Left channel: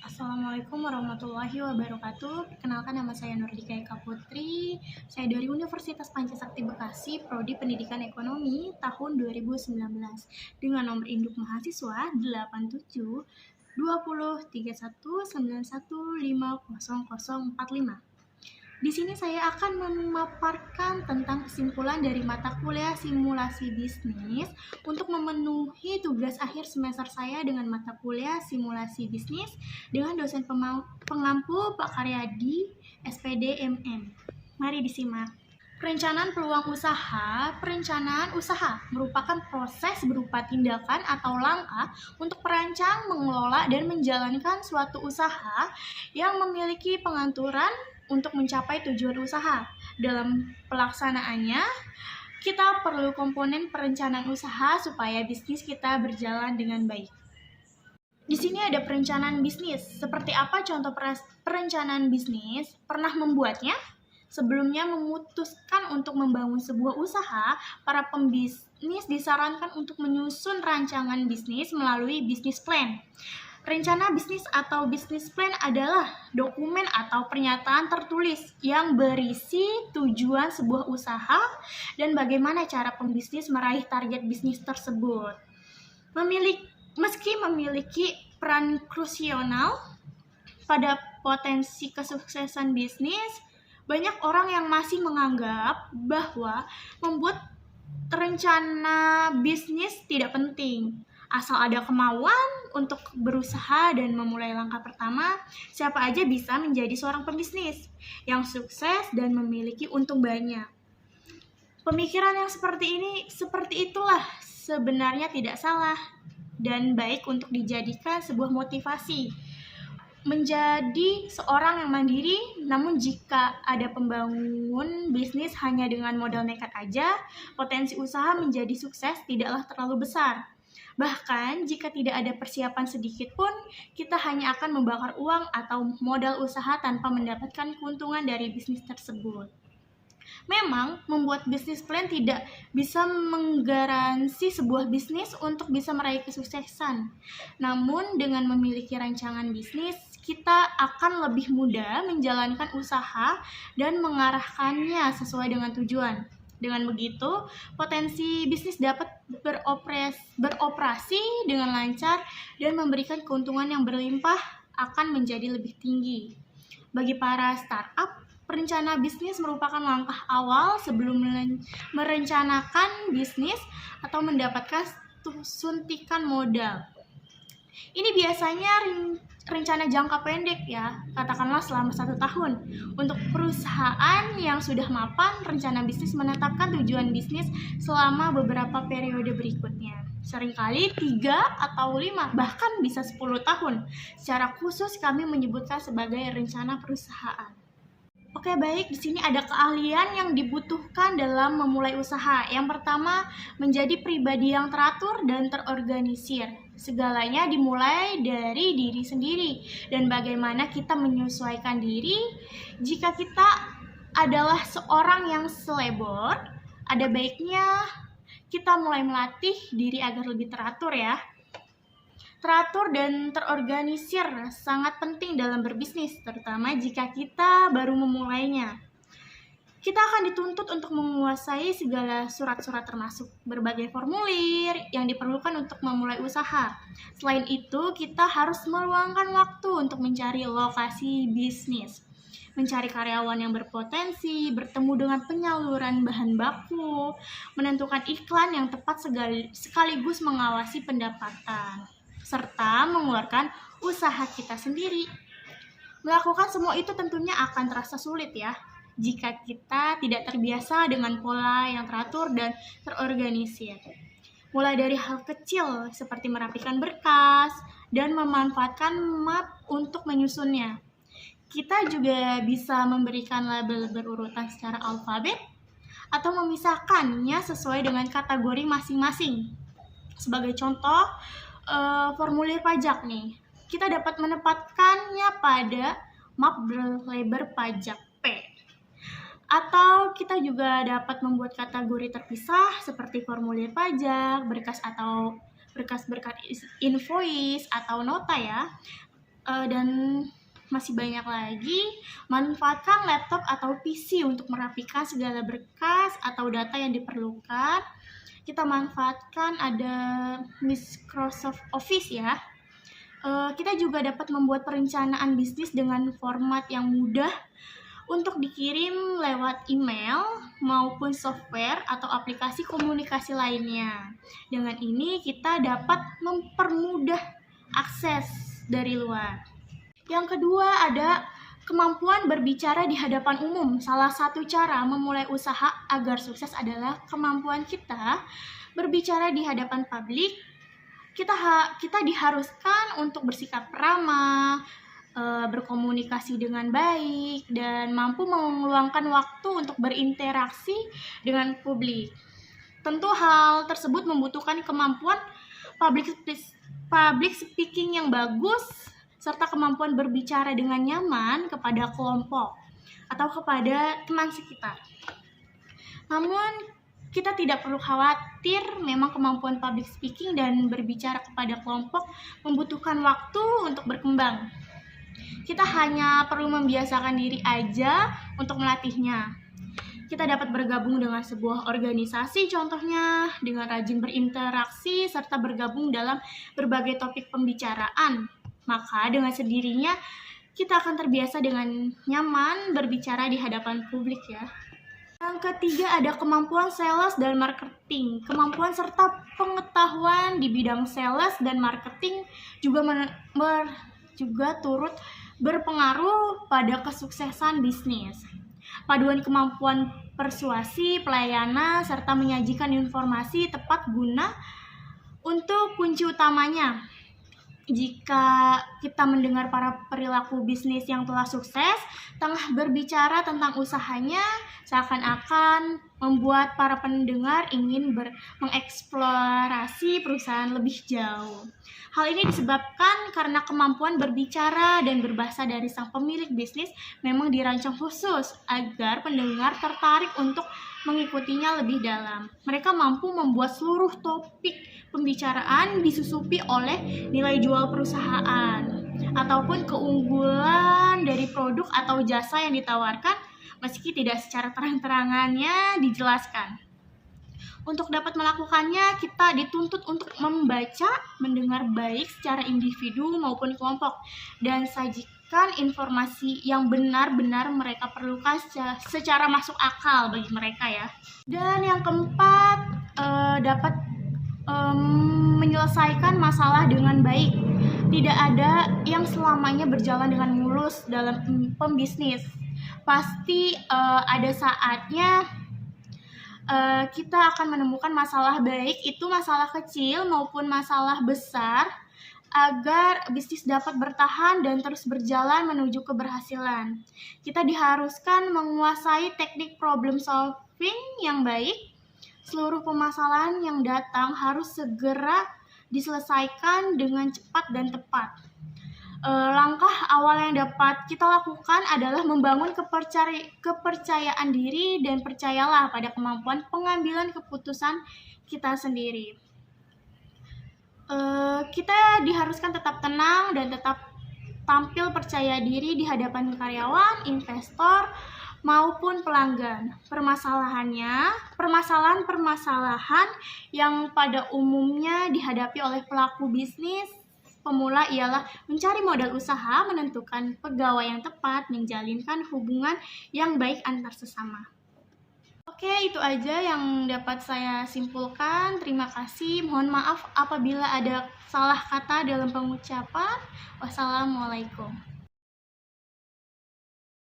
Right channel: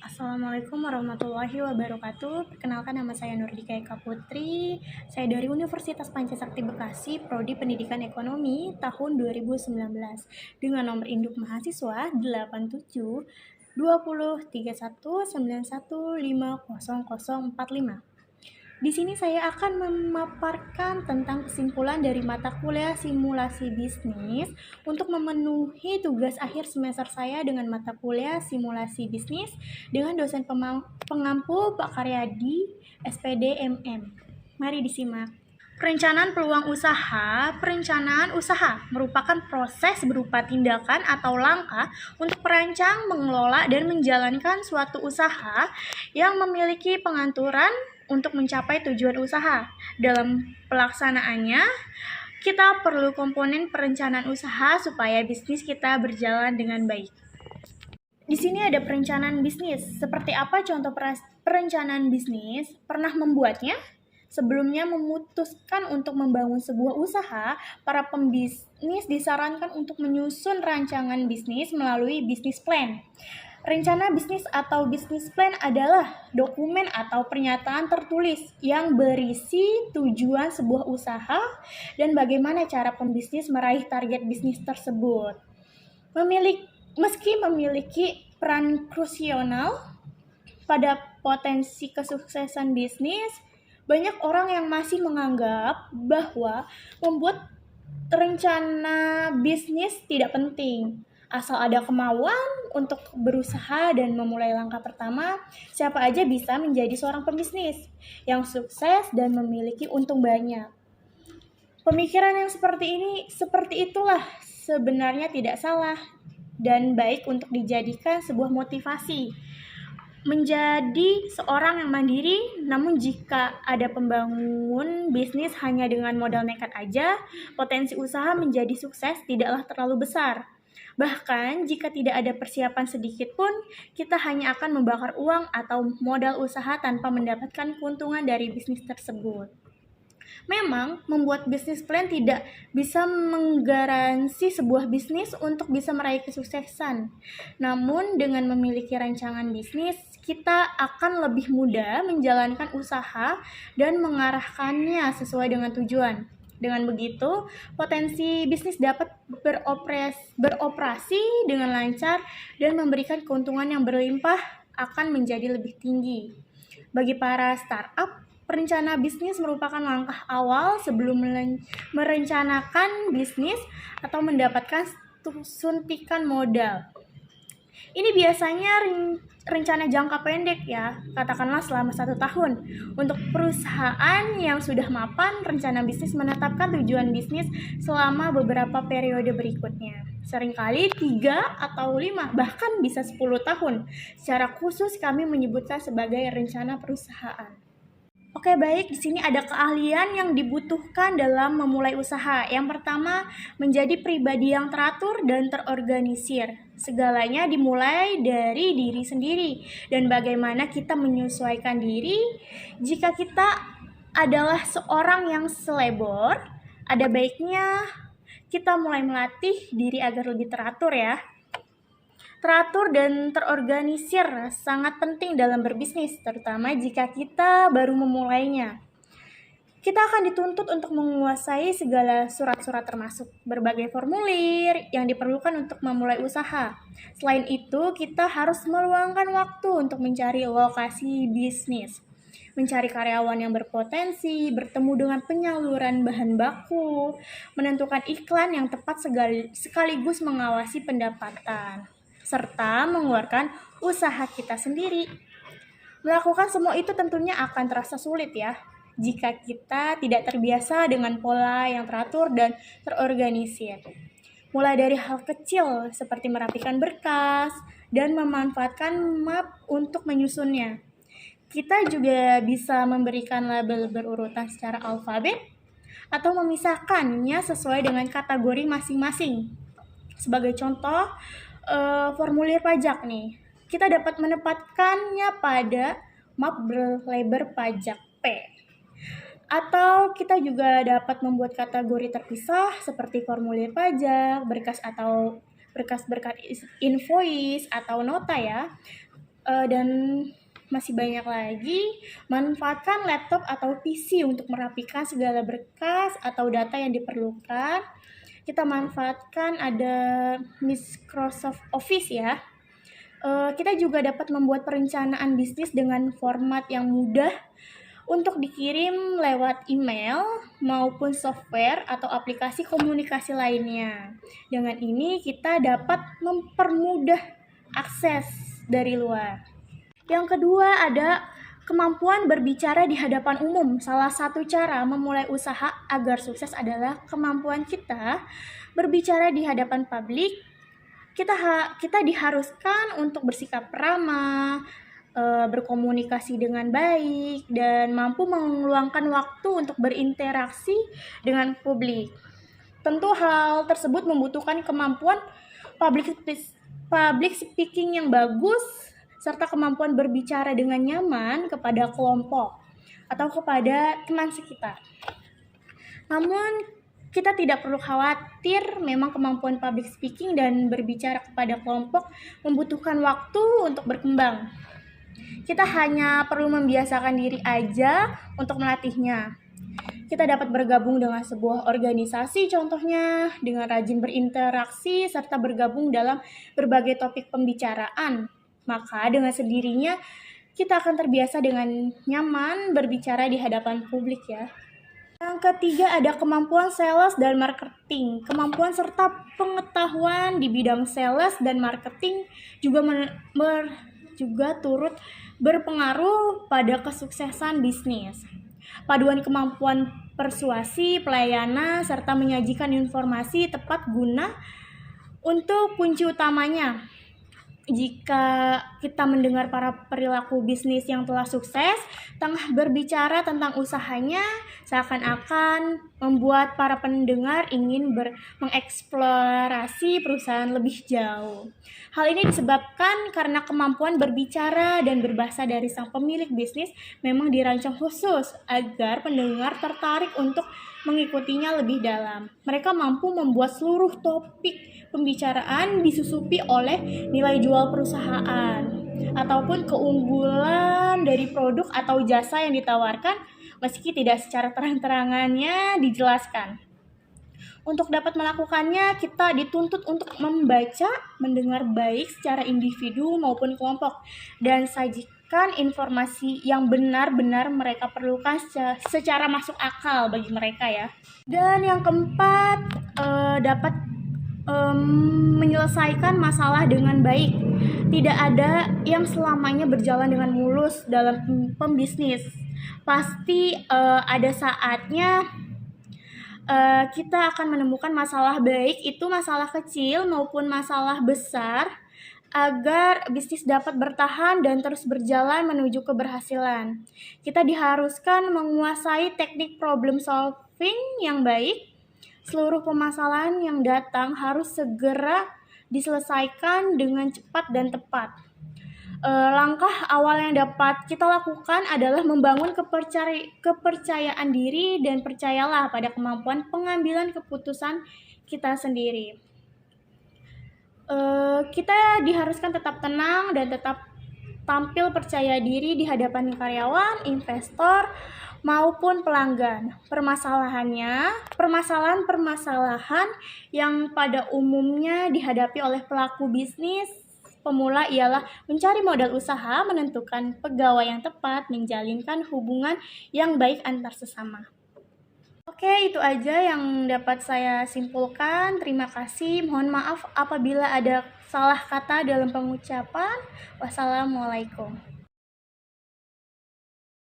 Assalamualaikum warahmatullahi wabarakatuh. Perkenalkan, nama saya Nurdika Eka Putri. Saya dari Universitas Pancasakti Bekasi, Prodi Pendidikan Ekonomi tahun 2019 dengan nomor induk mahasiswa 87 20 31 91 50045. Di sini saya akan memaparkan tentang kesimpulan dari mata kuliah simulasi bisnis untuk memenuhi tugas akhir semester saya dengan mata kuliah simulasi bisnis dengan dosen pengampu Pak Karyadi, SPD MM. Mari disimak. Perencanaan peluang usaha. Perencanaan usaha merupakan proses berupa tindakan atau langkah untuk merancang, mengelola, dan menjalankan suatu usaha yang memiliki pengaturan untuk mencapai tujuan usaha. Dalam pelaksanaannya, kita perlu komponen perencanaan usaha supaya bisnis kita berjalan dengan baik. Di sini ada perencanaan bisnis. Seperti apa contoh perencanaan bisnis? Pernah membuatnya? Sebelumnya memutuskan untuk membangun sebuah usaha, para pembisnis disarankan untuk menyusun rancangan bisnis melalui bisnis plan. Rencana bisnis atau bisnis plan adalah dokumen atau pernyataan tertulis yang berisi tujuan sebuah usaha dan bagaimana cara pembisnis meraih target bisnis tersebut. Meski memiliki peran krusial pada potensi kesuksesan bisnis, banyak orang yang masih menganggap bahwa membuat rencana bisnis tidak penting. Asal ada kemauan untuk berusaha dan memulai langkah pertama, siapa aja bisa menjadi seorang pembisnis yang sukses dan memiliki untung banyak. Pemikiran yang seperti itulah sebenarnya tidak salah dan baik untuk dijadikan sebuah motivasi menjadi seorang yang mandiri. Namun jika ada pembangun bisnis hanya dengan modal nekat aja, potensi usaha menjadi sukses tidaklah terlalu besar. Bahkan jika tidak ada persiapan sedikit pun, kita hanya akan membakar uang atau modal usaha tanpa mendapatkan keuntungan dari bisnis tersebut. Memang, membuat bisnis plan tidak bisa menggaransi sebuah bisnis untuk bisa meraih kesuksesan. Namun, dengan memiliki rancangan bisnis, kita akan lebih mudah menjalankan usaha dan mengarahkannya sesuai dengan tujuan. Dengan begitu, potensi bisnis dapat beroperasi dengan lancar dan memberikan keuntungan yang berlimpah akan menjadi lebih tinggi. Bagi para startup, perencana bisnis merupakan langkah awal sebelum merencanakan bisnis atau mendapatkan suntikan modal. Ini biasanya rencana jangka pendek ya, katakanlah selama 1 tahun. Untuk perusahaan yang sudah mapan, rencana bisnis menetapkan tujuan bisnis selama beberapa periode berikutnya. Seringkali 3 atau 5, bahkan bisa 10 tahun. Secara khusus kami menyebutkan sebagai rencana perusahaan. Oke, baik. Di sini ada keahlian yang dibutuhkan dalam memulai usaha. Yang pertama, menjadi pribadi yang teratur dan terorganisir. Segalanya dimulai dari diri sendiri dan bagaimana kita menyesuaikan diri. Jika kita adalah seorang yang selebor, ada baiknya kita mulai melatih diri agar lebih teratur ya. Teratur dan terorganisir sangat penting dalam berbisnis, terutama jika kita baru memulainya. Kita akan dituntut untuk menguasai segala surat-surat termasuk berbagai formulir yang diperlukan untuk memulai usaha. Selain itu, kita harus meluangkan waktu untuk mencari lokasi bisnis, mencari karyawan yang berpotensi, bertemu dengan penyaluran bahan baku, menentukan iklan yang tepat sekaligus mengawasi pendapatan, serta mengeluarkan usaha kita sendiri. Melakukan semua itu tentunya akan terasa sulit ya, jika kita tidak terbiasa dengan pola yang teratur dan terorganisir. Mulai dari hal kecil seperti merapikan berkas dan memanfaatkan map untuk menyusunnya. Kita juga bisa memberikan label berurutan secara alfabet atau memisahkannya sesuai dengan kategori masing-masing. Sebagai contoh, formulir pajak nih, kita dapat menempatkannya pada map berlabel pajak P. Atau kita juga dapat membuat kategori terpisah seperti formulir pajak, berkas invoice atau nota ya. Dan masih banyak lagi. Manfaatkan laptop atau PC untuk merapikan segala berkas atau data yang diperlukan. Kita manfaatkan ada Microsoft Office ya. Kita juga dapat membuat perencanaan bisnis dengan format yang mudah untuk dikirim lewat email maupun software atau aplikasi komunikasi lainnya. Dengan ini kita dapat mempermudah akses dari luar. Yang kedua ada kemampuan berbicara di hadapan umum. Salah satu cara memulai usaha agar sukses adalah kemampuan kita berbicara di hadapan publik. Kita diharuskan untuk bersikap ramah, berkomunikasi dengan baik, dan mampu meluangkan waktu untuk berinteraksi dengan publik. Tentu hal tersebut membutuhkan kemampuan public speaking yang bagus, serta kemampuan berbicara dengan nyaman kepada kelompok atau kepada teman sekitar. Namun, kita tidak perlu khawatir, memang kemampuan public speaking dan berbicara kepada kelompok membutuhkan waktu untuk berkembang. Kita hanya perlu membiasakan diri aja untuk melatihnya. Kita dapat bergabung dengan sebuah organisasi, contohnya dengan rajin berinteraksi serta bergabung dalam berbagai topik pembicaraan. Maka dengan sendirinya kita akan terbiasa dengan nyaman berbicara di hadapan publik ya. Yang ketiga ada kemampuan sales dan marketing. Kemampuan serta pengetahuan di bidang sales dan marketing juga turut berpengaruh pada kesuksesan bisnis. Paduan kemampuan persuasi, pelayanan, serta menyajikan informasi tepat guna untuk kunci utamanya. Jika kita mendengar para perilaku bisnis yang telah sukses, tengah berbicara tentang usahanya, seakan-akan membuat para pendengar ingin mengeksplorasi perusahaan lebih jauh. Hal ini disebabkan karena kemampuan berbicara dan berbahasa dari sang pemilik bisnis memang dirancang khusus agar pendengar tertarik untuk mengikutinya lebih dalam. Mereka mampu membuat seluruh topik pembicaraan disusupi oleh nilai jual perusahaan ataupun keunggulan dari produk atau jasa yang ditawarkan, meski tidak secara terang-terangannya dijelaskan. Untuk dapat melakukannya, kita dituntut untuk membaca, mendengar baik secara individu maupun kelompok, dan sajikan informasi yang benar-benar mereka perlukan secara masuk akal bagi mereka ya. Dan yang keempat, dapat menyelesaikan masalah dengan baik. Tidak ada yang selamanya berjalan dengan mulus dalam pembisnis. Pasti ada saatnya kita akan menemukan masalah, baik itu masalah kecil maupun masalah besar, agar bisnis dapat bertahan dan terus berjalan menuju keberhasilan. Kita diharuskan menguasai teknik problem solving yang baik. Seluruh permasalahan yang datang harus segera diselesaikan dengan cepat dan tepat. Langkah awal yang dapat kita lakukan adalah membangun kepercayaan diri dan percayalah pada kemampuan pengambilan keputusan kita sendiri. Kita diharuskan tetap tenang dan tetap tampil percaya diri di hadapan karyawan, investor, maupun pelanggan. Permasalahan yang pada umumnya dihadapi oleh pelaku bisnis pemula ialah mencari modal usaha, menentukan pegawai yang tepat, menjalinkan hubungan yang baik antar sesama. Oke, itu aja yang dapat saya simpulkan. Terima kasih. Mohon maaf apabila ada salah kata dalam pengucapan. Wassalamualaikum.